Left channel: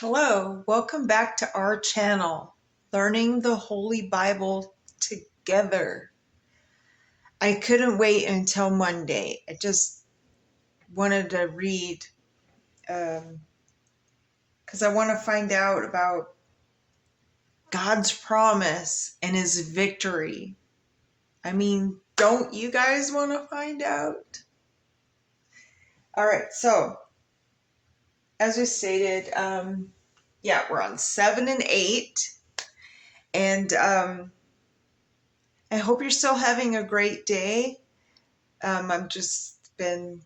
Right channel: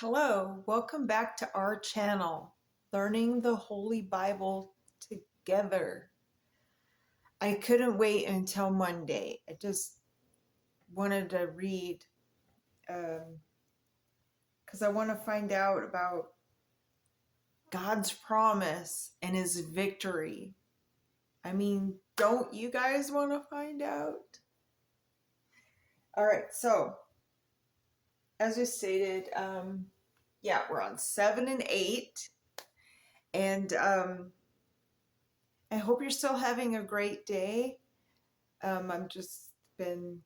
Hello, welcome back to our channel, Learning the Holy Bible Together. I couldn't wait until Monday. I just wanted to read because I want to find out about God's promise and his victory. I mean, don't you guys want to find out? All right, so as we stated, we're on 7 and 8. And I hope you're still having a great day. I've just been,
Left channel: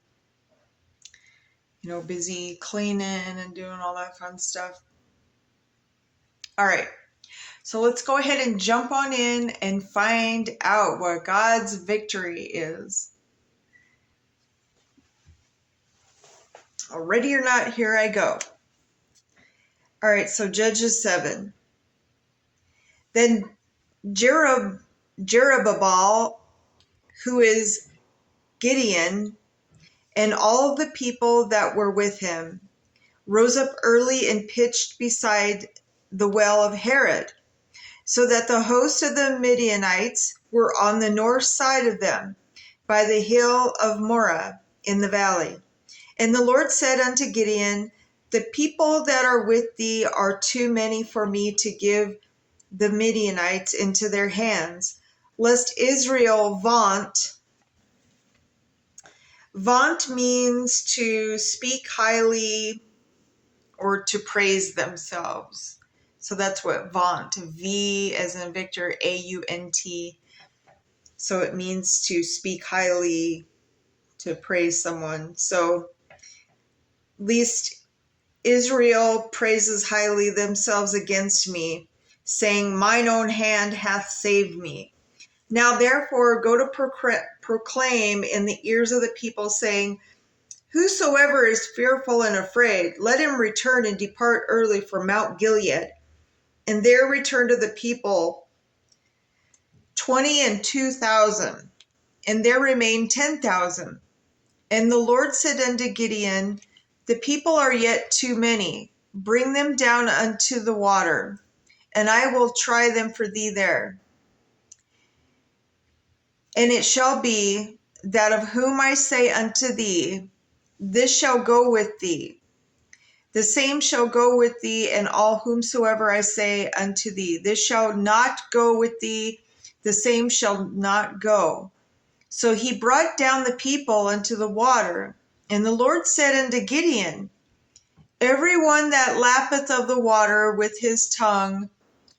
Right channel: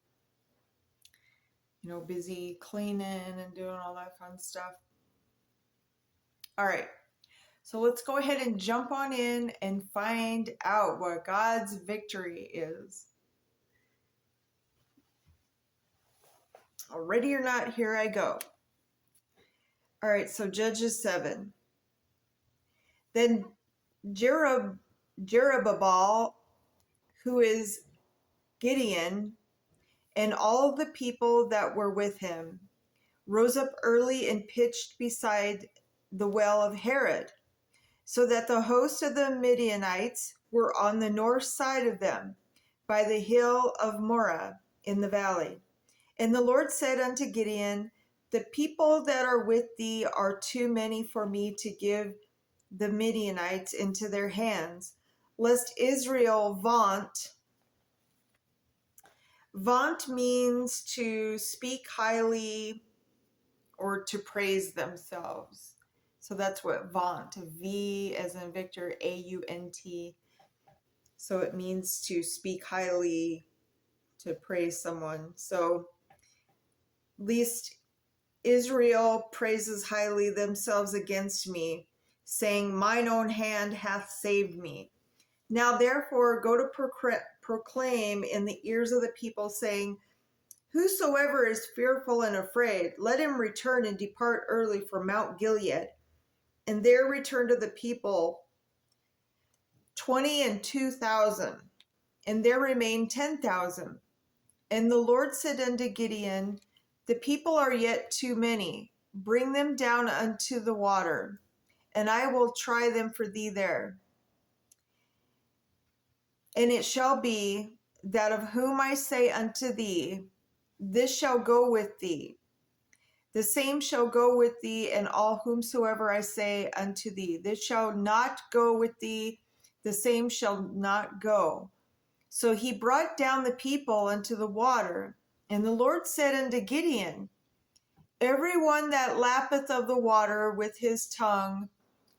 busy cleaning and doing all that fun stuff. All right, so let's go ahead and jump on in and find out what God's victory is. Ready or not, here I go. All right, so Judges 7. Then Jerubbaal, who is Gideon, and all the people that were with him, rose up early and pitched beside the well of Harod, so that the host of the Midianites were on the north side of them, by the hill of Moreh in the valley. And the Lord said unto Gideon, the people that are with thee are too many for me to give the Midianites into their hands, lest Israel vaunt. Vaunt means to speak highly or to praise themselves. So that's what vaunt, V as in Victor, A-U-N-T. So it means to speak highly, to praise someone. So least Israel praises highly themselves against me, saying, mine own hand hath saved me. Now therefore go to proclaim in the ears of the people, saying, whosoever is fearful and afraid, let him return and depart early from Mount Gilead. And there returned to the people 22,000, and there remained 10,000. And the Lord said unto Gideon, the people are yet too many. Bring them down unto the water, and I will try them for thee there. And it shall be that of whom I say unto thee, this shall go with thee, the same shall go with thee, and all whomsoever I say unto thee, this shall not go with thee, the same shall not go. So he brought down the people unto the water, and the Lord said unto Gideon, every one that lappeth of the water with his tongue,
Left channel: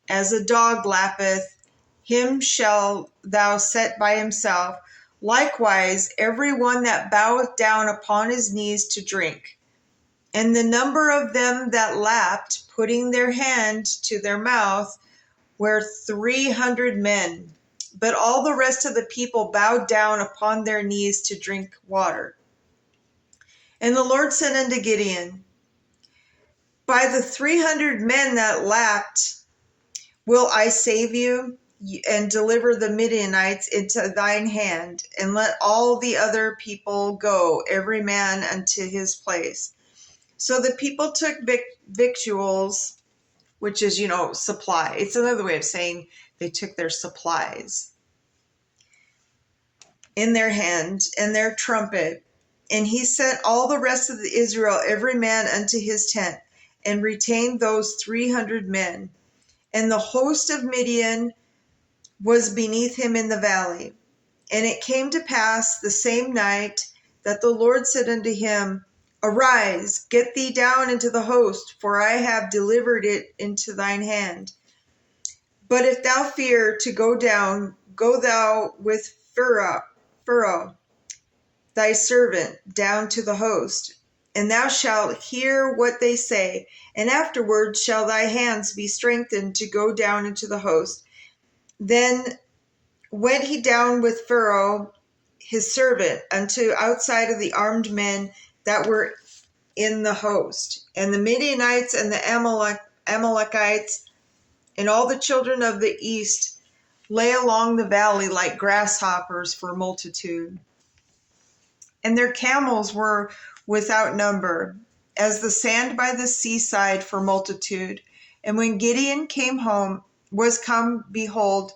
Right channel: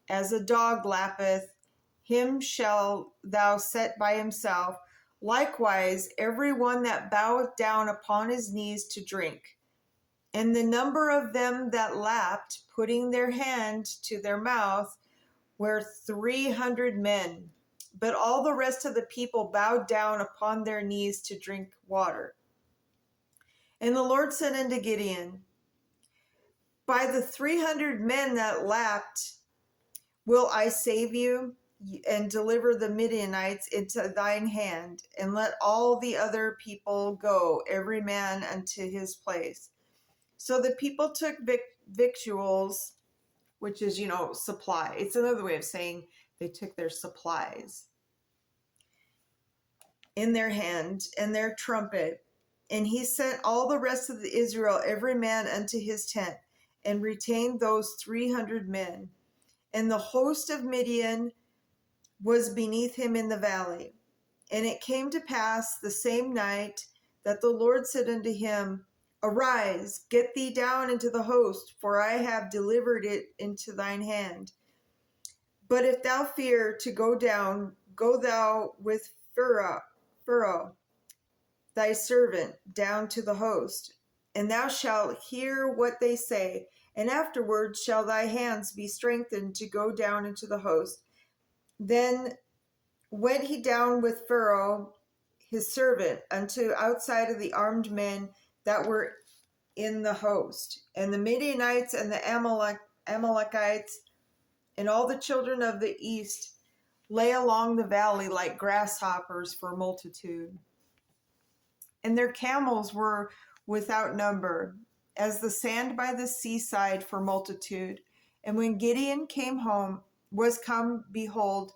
as a dog lappeth, him shall thou set by himself. Likewise, every one that boweth down upon his knees to drink. And the number of them that lapped, putting their hand to their mouth, were 300 men. But all the rest of the people bowed down upon their knees to drink water. And the Lord said unto Gideon, by the 300 men that lapped will I save you, and deliver the Midianites into thine hand, and let all the other people go, every man unto his place. So the people took victuals, which is, supply. It's another way of saying they took their supplies in their hand and their trumpet. And he sent all the rest of the Israel, every man unto his tent, and retained those 300 men. And the host of Midian was beneath him in the valley. And it came to pass the same night that the Lord said unto him, arise, get thee down into the host, for I have delivered it into thine hand. But if thou fear to go down, go thou with Pharaoh, thy servant, down to the host, and thou shalt hear what they say, and afterward shall thy hands be strengthened to go down into the host. Then went he down with Pharaoh his servant unto outside of the armed men that were in the host. And the Midianites and the Amalekites and all the children of the east lay along the valley like grasshoppers for multitude. and their camels were without number, as the sand by the seaside for multitude. And when Gideon was come, behold,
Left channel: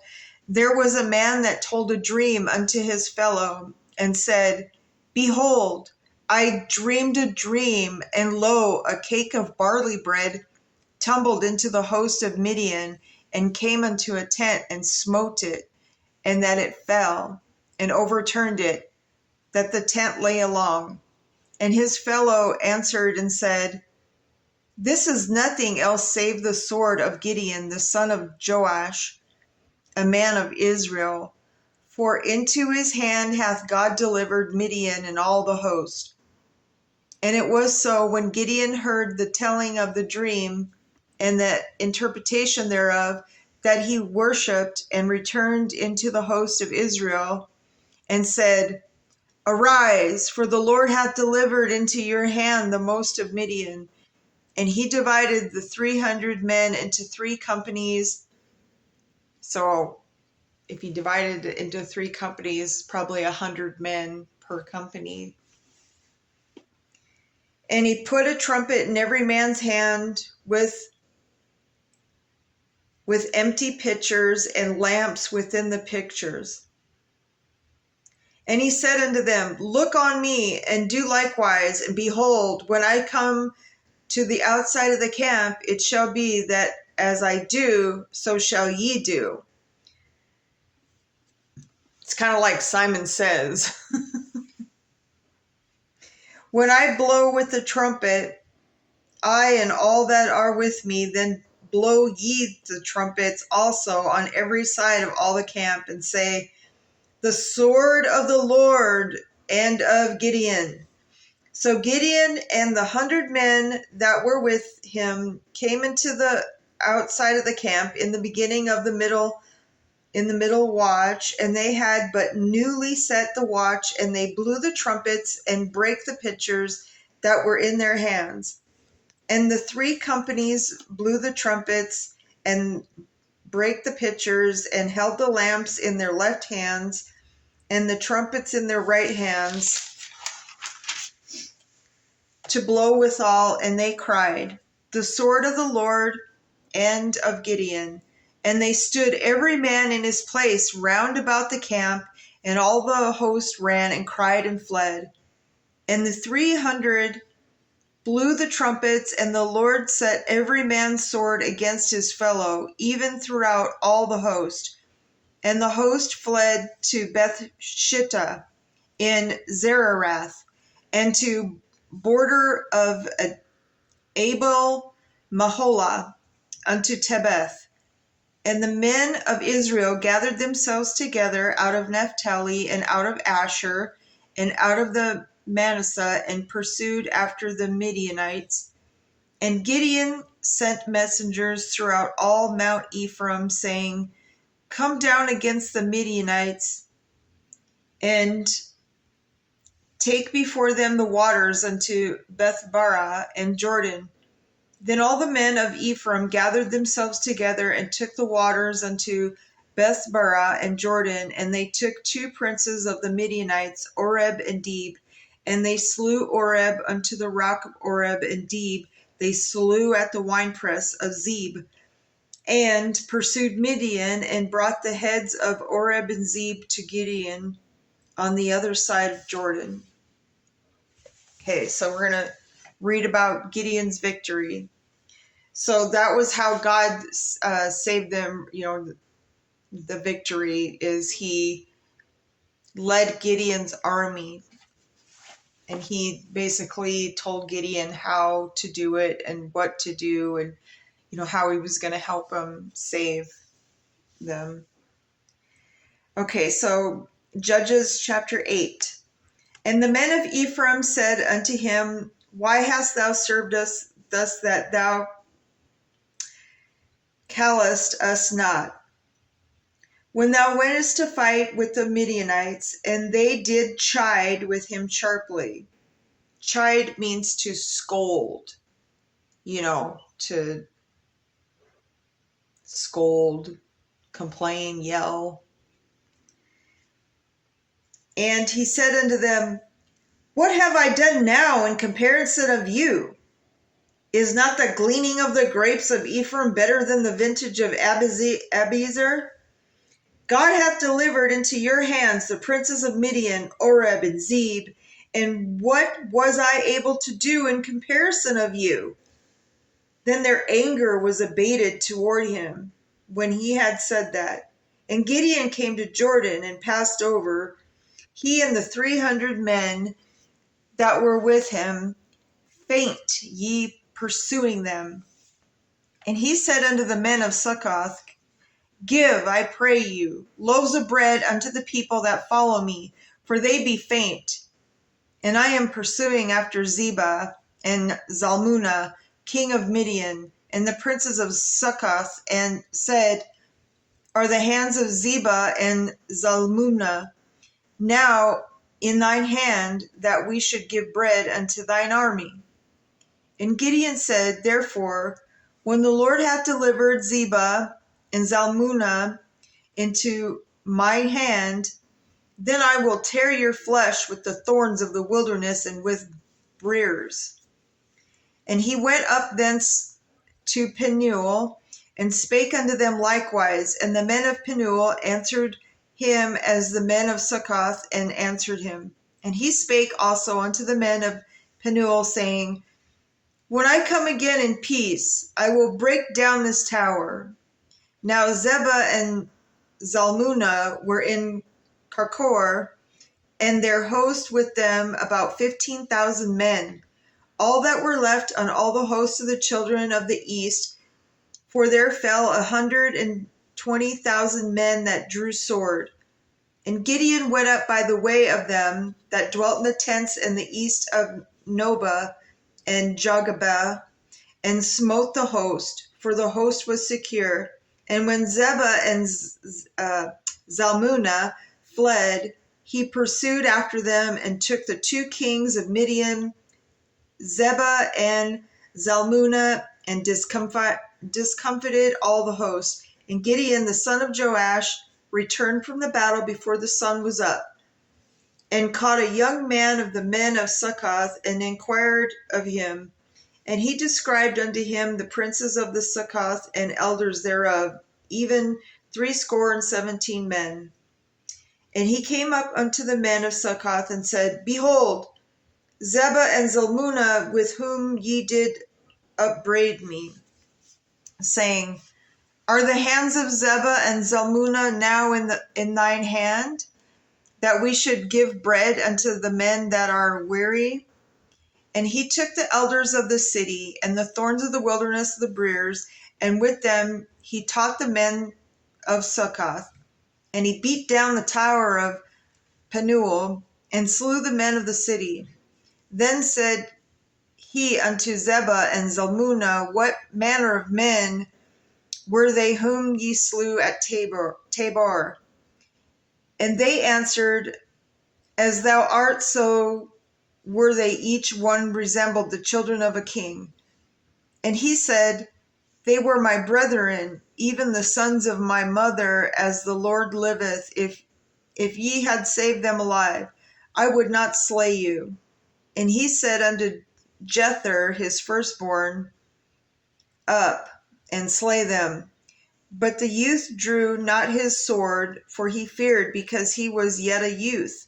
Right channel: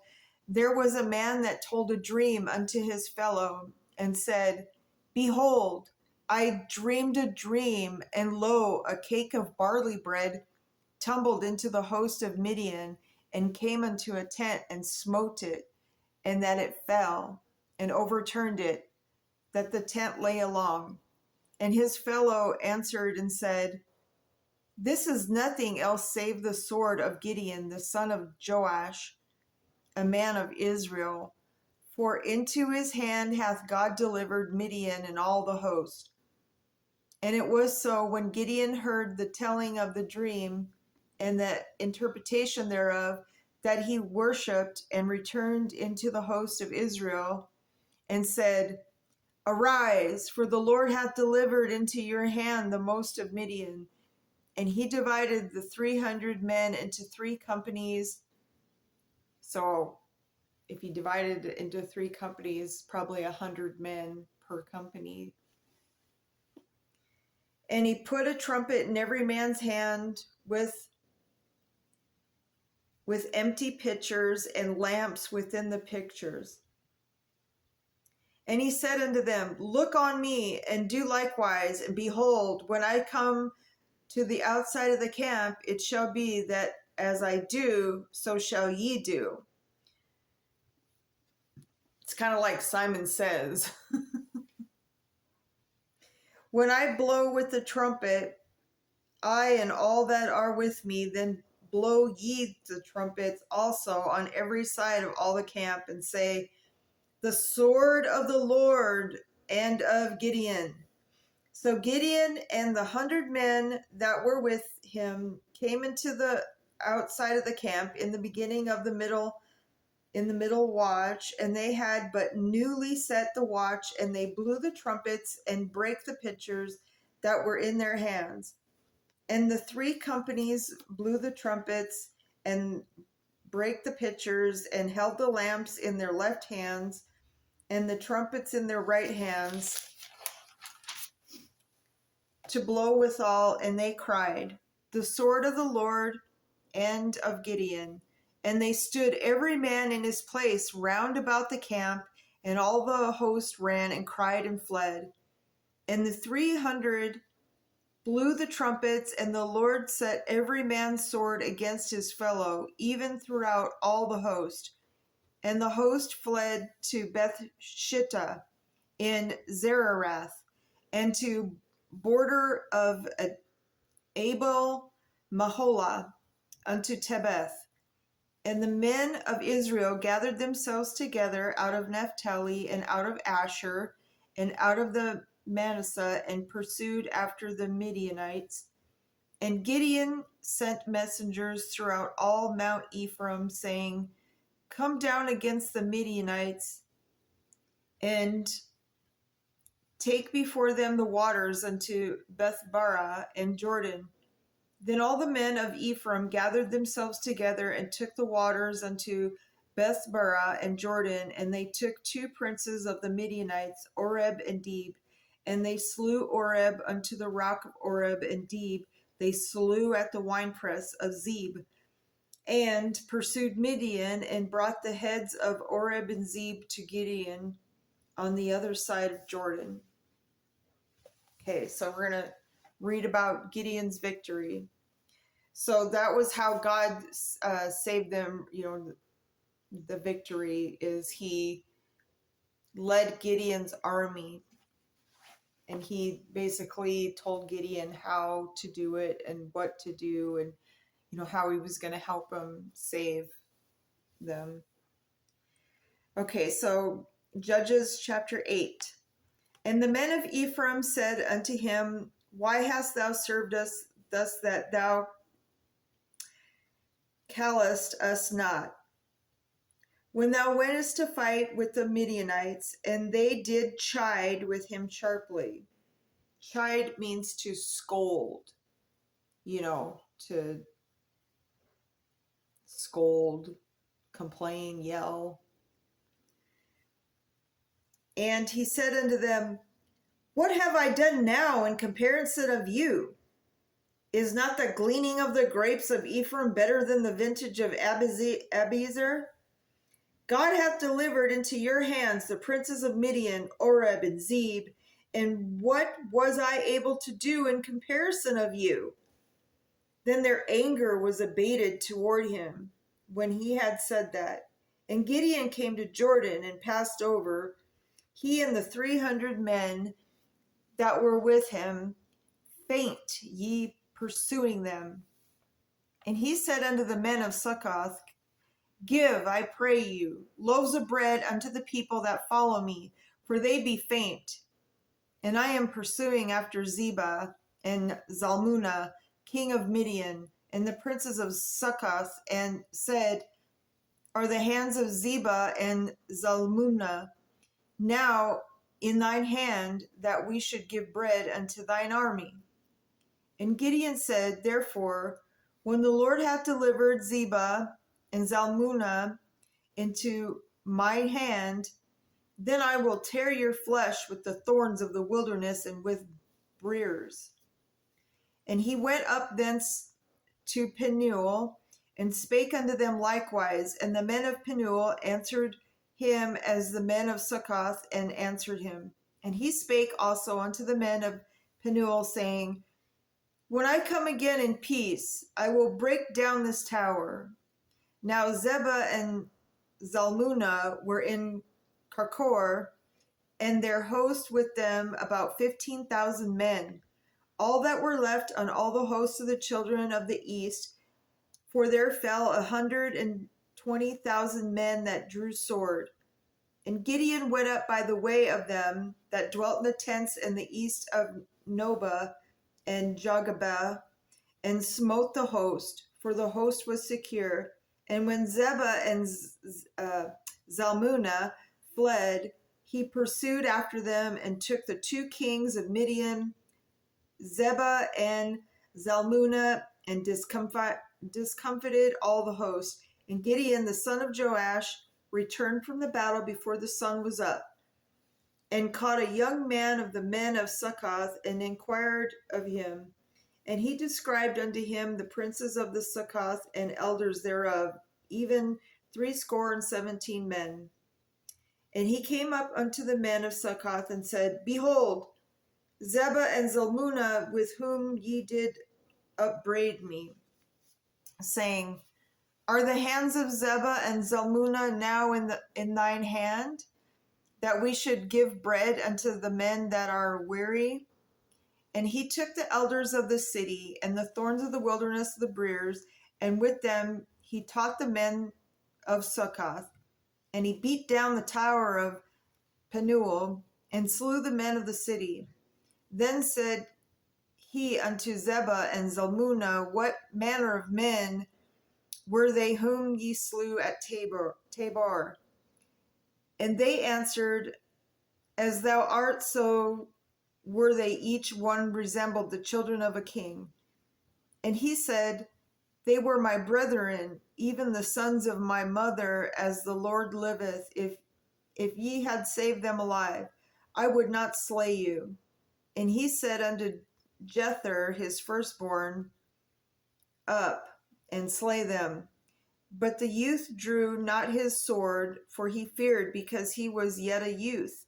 there was a man that told a dream unto his fellow, and said, Behold, I dreamed a dream, and lo, a cake of barley bread tumbled into the host of Midian, and came unto a tent, and smote it, and that it fell, and overturned it, that the tent lay along. And his fellow answered and said, This is nothing else save the sword of Gideon, the son of Joash, a man of Israel. For into his hand hath God delivered Midian and all the host. And it was so, when Gideon heard the telling of the dream and the interpretation thereof, that he worshipped and returned into the host of Israel, and said, Arise, for the Lord hath delivered into your hand the most of Midian. And he divided the 300 men into 3 companies. So if he divided it into 3 companies, probably 100 men per company. And he put a trumpet in every man's hand with empty pitchers and lamps within the pitchers. And he said unto them, Look on me, and do likewise. And behold, when I come to the outside of the camp, it shall be that as I do, so shall ye do. It's kind of like Simon Says. When I blow with the trumpet, I and all that are with me, then blow ye the trumpets also on every side of all the camp, and say, The sword of the Lord and of Gideon. So Gideon and the 100 men that were with him came into the outside of the camp in the beginning of the middle watch, and they had but newly set the watch, and they blew the trumpets and brake the pitchers that were in their hands. And the 3 companies blew the trumpets and brake the pitchers, and held the lamps in their left hands and the trumpets in their right hands to blow withal. And they cried, The sword of the Lord and of Gideon. And they stood every man in his place round about the camp, and all the host ran and cried and fled. And the 300 blew the trumpets, and the Lord set every man's sword against his fellow, even throughout all the host. And the host fled to Beth-shittah in Zererath, and to border of Abel Maholah unto Tebeth. And the men of Israel gathered themselves together out of Naphtali, and out of Asher, and out of the Manasseh, and pursued after the Midianites. And Gideon sent messengers throughout all Mount Ephraim, saying, Come down against the Midianites, and take before them the waters unto Bethbarah and Jordan. Then all the men of Ephraim gathered themselves together, and took the waters unto Bethbarah and Jordan. And they took 2 princes of the Midianites, Oreb and Deeb. And they slew Oreb unto the rock of Oreb, and Deeb they slew at the winepress of Zeb. And pursued Midian, and brought the heads of Oreb and Zeb to Gideon on the other side of Jordan. Okay, so we're going to read about Gideon's victory. So that was how God saved them. The victory is he led Gideon's army, and he basically told Gideon how to do it and what to do, and how he was going to help them save them. Okay, so Judges chapter 8. And the men of Ephraim said unto him, Why hast thou served us thus, that thou callest us not? When thou wentest to fight with the Midianites, and they did chide with him sharply. Chide means to scold, to scold, complain, yell. And he said unto them, What have I done now in comparison of you? Is not the gleaning of the grapes of Ephraim better than the vintage of Abiezer? God hath delivered into your hands the princes of Midian, Oreb, and Zeb. And what was I able to do in comparison of you? Then their anger was abated toward him when he had said that. And Gideon came to Jordan and passed over, he and the 300 men that were with him, faint ye pursuing them. And he said unto the men of Succoth, Give, I pray you, loaves of bread unto the people that follow me, for they be faint. And I am pursuing after Zebah and Zalmunna, king of Midian, and the princes of Succoth, and said, Are the hands of Zebah and Zalmunna now in thine hand, that we should give bread unto thine army? And Gideon said, Therefore, when the Lord hath delivered Zebah and Zalmunna into my hand, then I will tear your flesh with the thorns of the wilderness and with briers. And he went up thence to Penuel, and spake unto them likewise. And the men of Penuel answered him as the men of Succoth and answered him. And he spake also unto the men of Penuel, saying, When I come again in peace, I will break down this tower. Now Zebah and Zalmunna were in Karkor, and their host with them about 15,000 men, all that were left on all the hosts of the children of the east, for there fell 120,000 men that drew sword. And Gideon went up by the way of them that dwelt in the tents in the east of Nobah and Jogabah, and smote the host, for the host was secure. And when Zebah and Zalmunna fled, he pursued after them and took the 2 kings of Midian, Zebah and Zalmunna, and discomfited all the host. And Gideon the son of Joash returned from the battle before the sun was up, and caught a young man of the men of Succoth, and inquired of him. And he described unto him the princes of the Succoth and elders thereof, even 70 men. And he came up unto the men of Succoth and said, Behold, Zebah and Zalmunna, with whom ye did upbraid me, saying, Are the hands of Zebah and Zalmunna now in thine hand, that we should give bread unto the men that are weary? And he took the elders of the city and the thorns of the wilderness of the briers, and with them he taught the men of Succoth. And he beat down the tower of Penuel, and slew the men of the city. Then said he unto Zebah and Zalmunna, What manner of men were they whom ye slew at Tabor? And they answered, As thou art, so were they, each one resembled the children of a king. And he said, They were my brethren, even the sons of my mother, as the Lord liveth. If ye had saved them alive, I would not slay you. And he said unto Jether, his firstborn, Up and slay them. But the youth drew not his sword, for he feared, because he was yet a youth.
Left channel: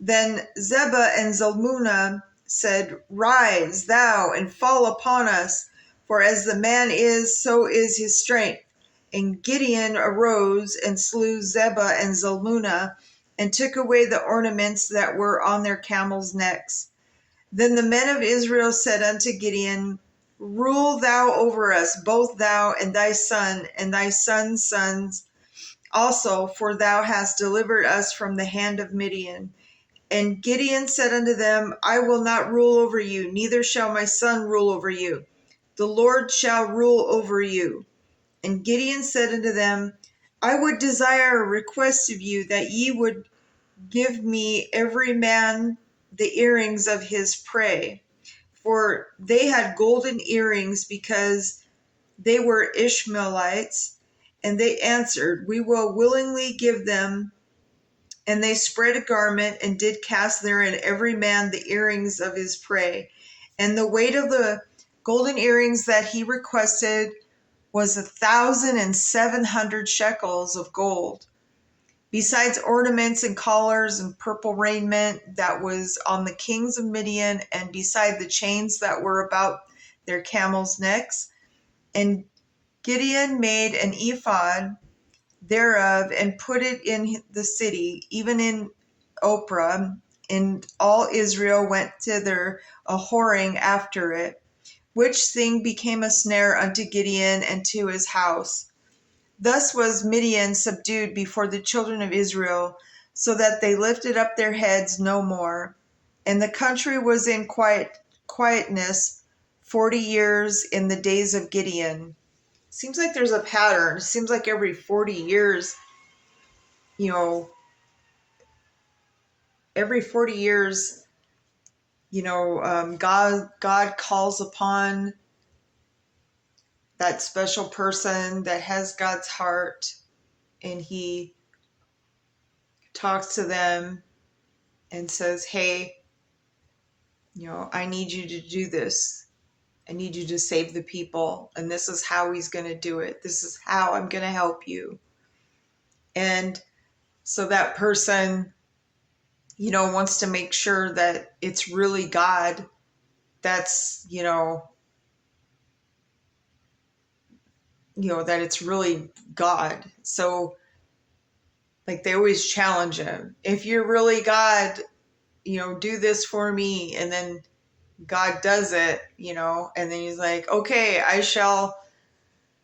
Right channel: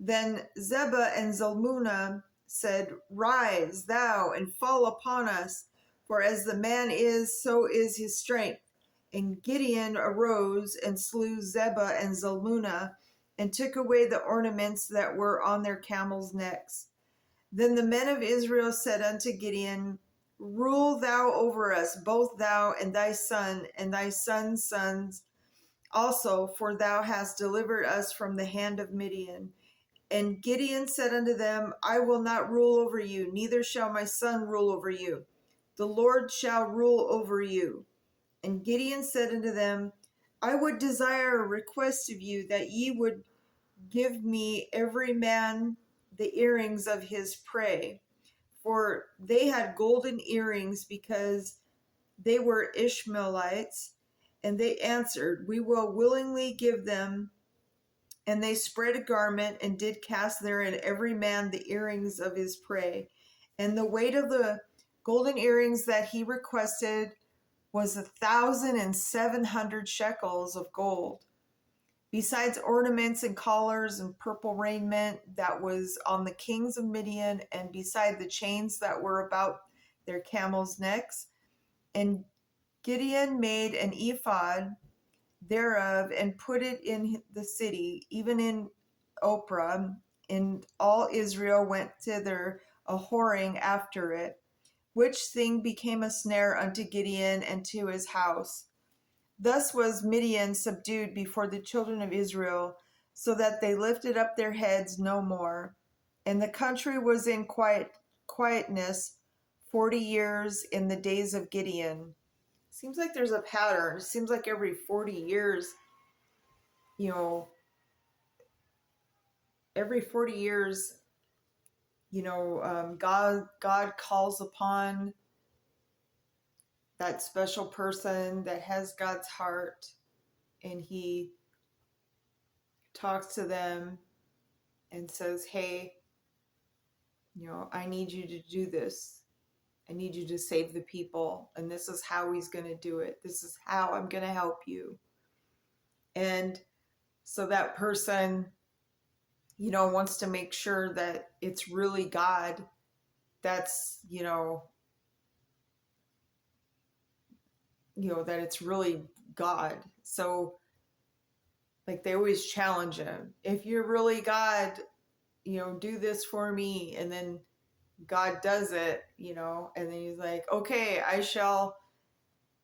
Then Zebah and Zalmunna said, Rise thou, and fall upon us, for as the man is, so is his strength. And Gideon arose and slew Zebah and Zalmunna, and took away the ornaments that were on their camels' necks. Then the men of Israel said unto Gideon, Rule thou over us, both thou and thy son, and thy son's sons also, for thou hast delivered us from the hand of Midian. And Gideon said unto them, I will not rule over you, neither shall my son rule over you. The Lord shall rule over you. And Gideon said unto them, I would desire a request of you, that ye would give me every man the earrings of his prey. For they had golden earrings, because they were Ishmaelites. And they answered, We will willingly give them. And they spread a garment and did cast therein every man the earrings of his prey. And the weight of the golden earrings that he requested was 1,700 shekels of gold, besides ornaments and collars and purple raiment that was on the kings of Midian, and beside the chains that were about their camels' necks. And Gideon made an ephod thereof and put it in the city, even in Ophrah, and all Israel went thither a whoring after it, which thing became a snare unto Gideon and to his house. Thus was Midian subdued before the children of Israel, so that they lifted up their heads no more. And the country was in quietness 40 years in the days of Gideon. Seems like there's a pattern. Seems like every 40 years, you know, every 40 years, God calls upon that special person that has God's heart, and he talks to them and says, hey, I need you to do this. I need you to save the people. And this is how he's going to do it. This is how I'm going to help you. And so that person, wants to make sure that it's really God that's, that it's really God. So like they always challenge him. If you're really God, do this for me. And then God does it, and then he's like, okay, I shall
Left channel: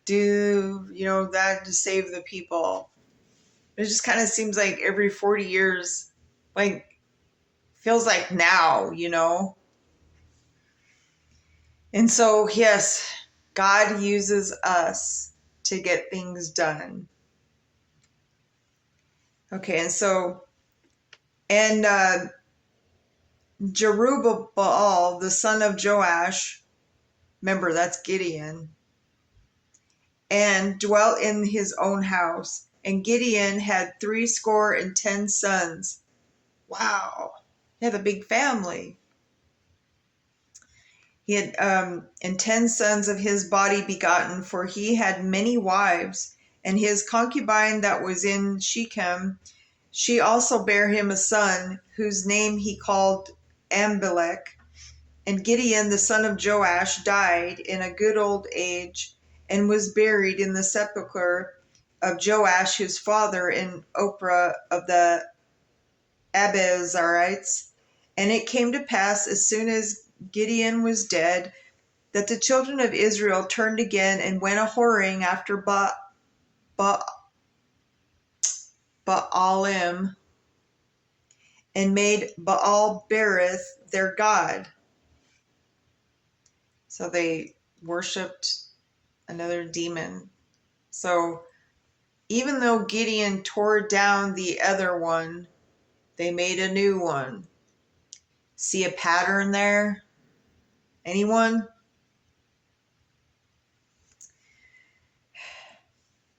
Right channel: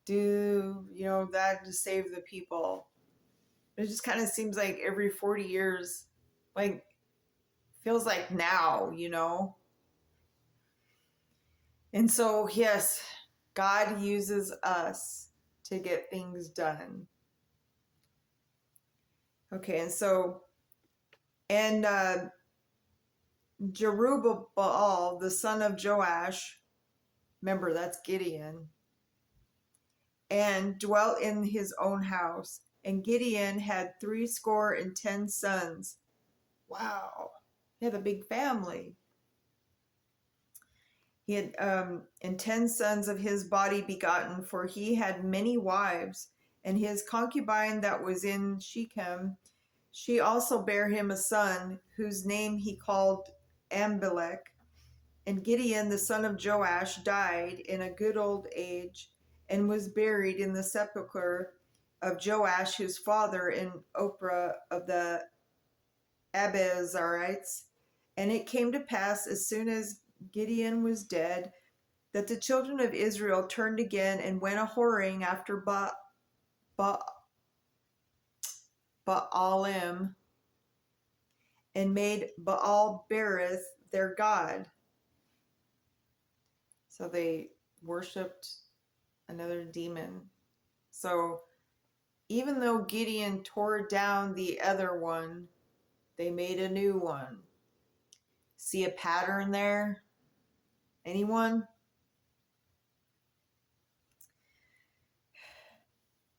do, that to save the people. It just kind of seems like every 40 years, like feels like now, And so, yes, God uses us to get things done. Okay, and Jerubbaal, the son of Joash, remember that's Gideon, and dwelt in his own house. And Gideon had 70 sons. Wow, he had a big family. He had and 10 sons of his body begotten, for he had many wives. And his concubine that was in Shechem, she also bare him a son, whose name he called Abimelech. And Gideon the son of Joash died in a good old age, and was buried in the sepulchre of Joash his father in Ophrah of the Abiezrites. And it came to pass, as soon as Gideon was dead, that the children of Israel turned again and went a whoring after Baalim, and made Baal Berith their god. So they worshipped another demon. So even though Gideon tore down the other one, they made a new one. See a pattern there? Anyone?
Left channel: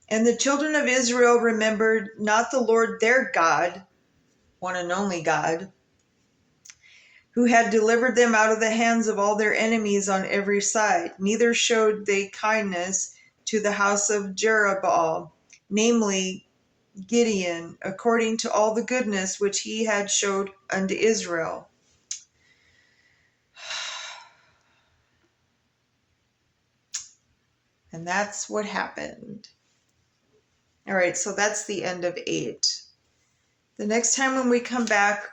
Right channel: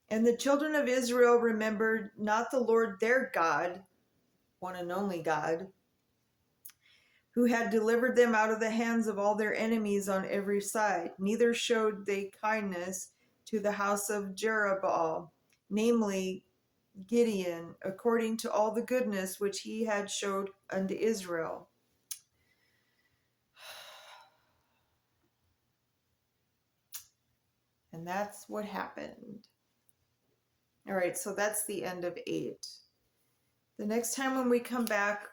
And the children of Israel remembered not the Lord their God, one and only God, who had delivered them out of the hands of all their enemies on every side. Neither showed they kindness to the house of Jerubbaal, namely Gideon, according to all the goodness which he had showed unto Israel. And that's what happened. All right, so that's the end of 8. The next time when we come back,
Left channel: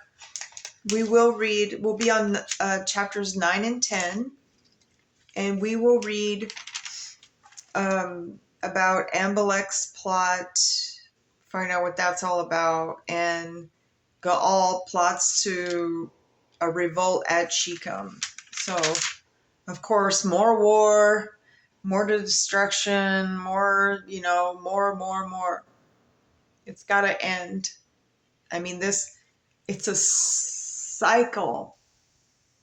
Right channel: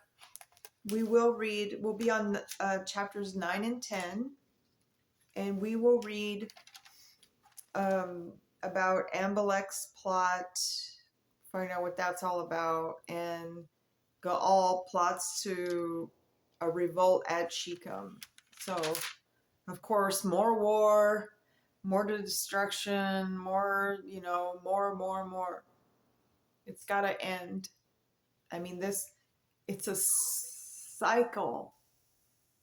we'll be on chapters 9 and 10, and we will read about Amalek's plot, find out what that's all about, and Gaal plots to a revolt at Shechem. So, of course, more war, more destruction, more, more. It's got to end. I mean, it's a cycle.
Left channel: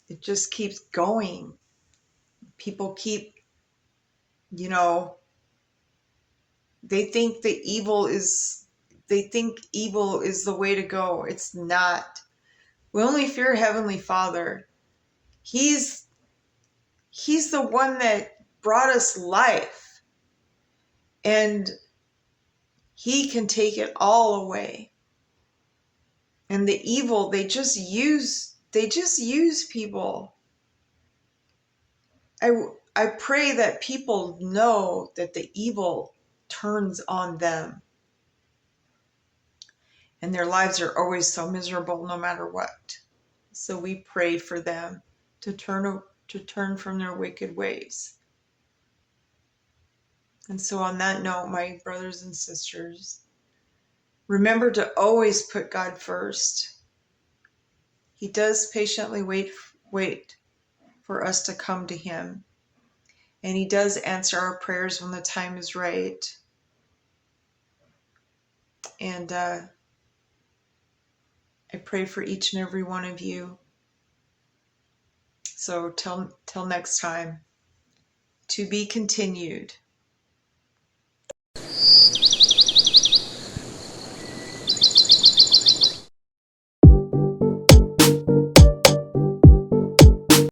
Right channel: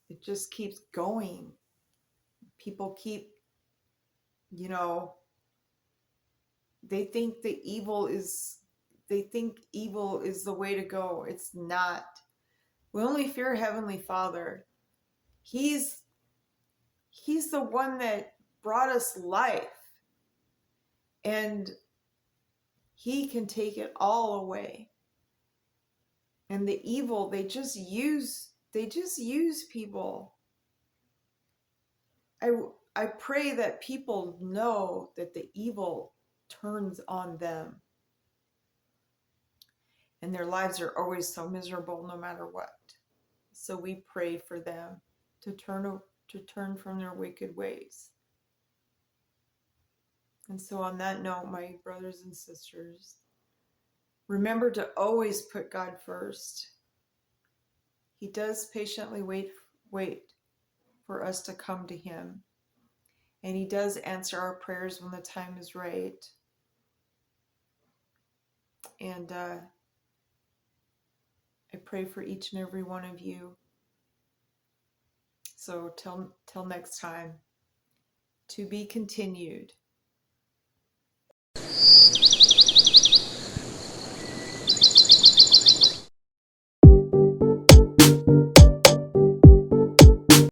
It just keeps going. People keep, they think the evil is they think evil is the way to go. It's not. We only fear Heavenly Father. He's the one that brought us life, and he can take it all away. And the evil, they just use people. I pray that people know that the evil turns on them, and their lives are always so miserable no matter what. So we pray for them to turn from their wicked ways. And so on that note, my brothers and sisters, remember to always put God first. He does patiently wait for us to come to him. And he does answer our prayers when the time is right. And I pray for each and every one of you. So till next time, to be continued.